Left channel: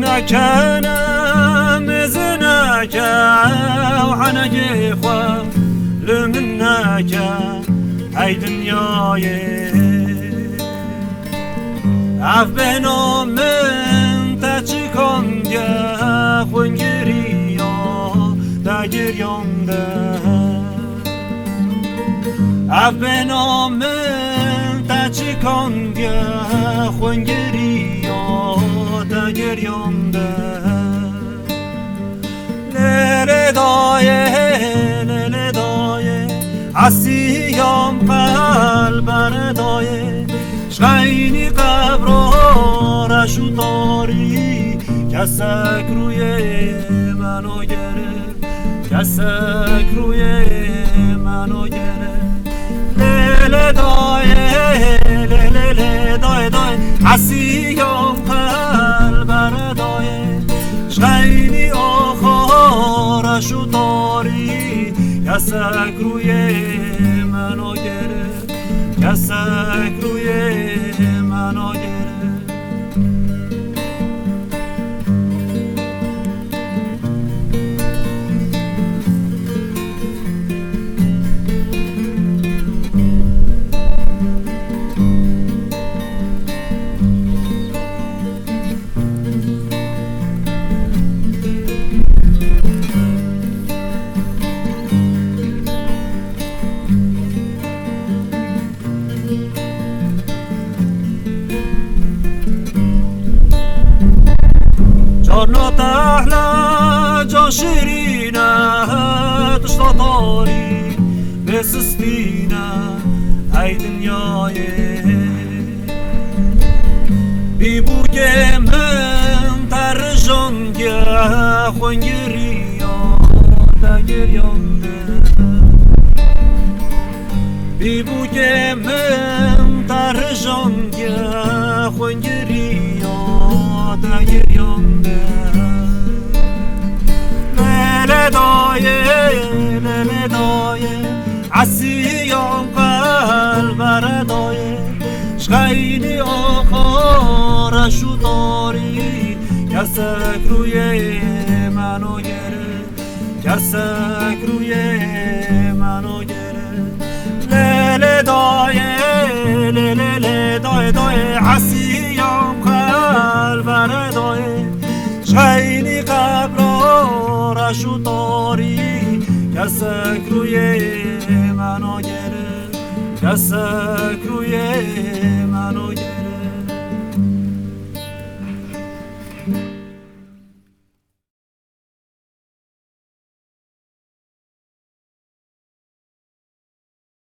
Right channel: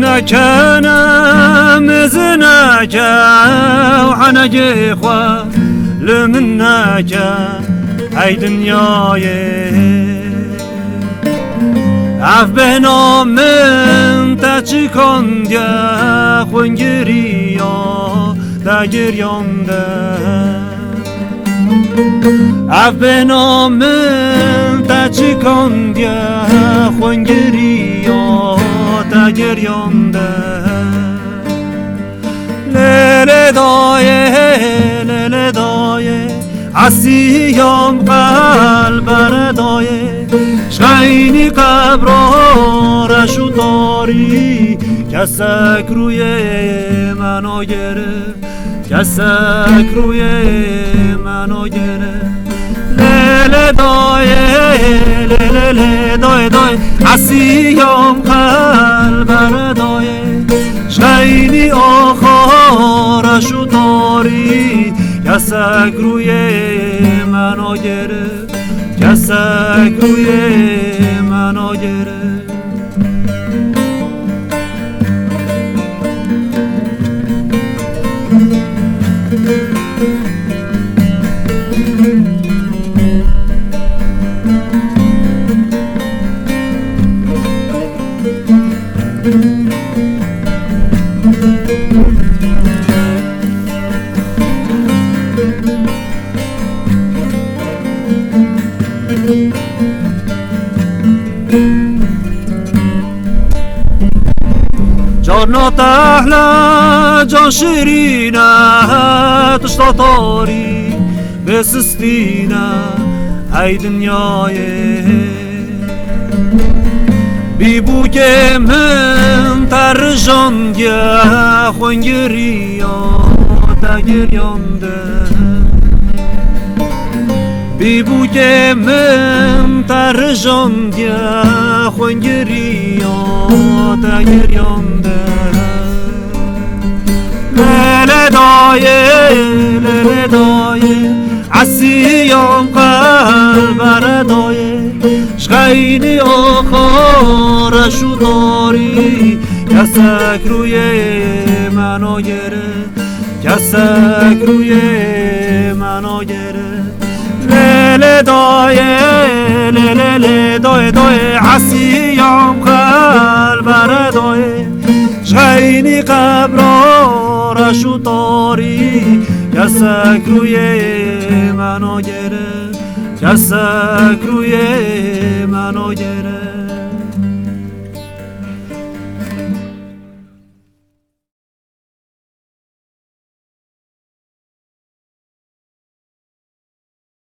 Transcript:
نكنا مزناك وحنجي خوا لمناك هاي دنياي عف بنا من تچکن دیا خونگریا دا گریانده عف بنا من تچکن دیا خونگریا دا گریانده لیل دایه عسیام قلب ردایه شغینی قبر رشو داری کسک روی منو گرفت کسک روی منو گرفت لیل دایه عسیام قلب ردایه شغینی آخرشو داری کسک روی منو گرفت کسک روی منو گرفت جانا تحلا جان شیرینه تشتا تاری بسستینه ای دنیای بی بو که من تر جان گه خونگریا تا گریانده بی بو که من تر جان گه خونگریا تا گریانده لیل دایه عسیام قلب ردایه شغینی آخرشو داری کسک روی منو گرفت کسک روی منو گرفت لیل دایه عسیام قلب ردایه شغینی قبرشو داری کسک روی منو گرفت کسک روی منو گرفت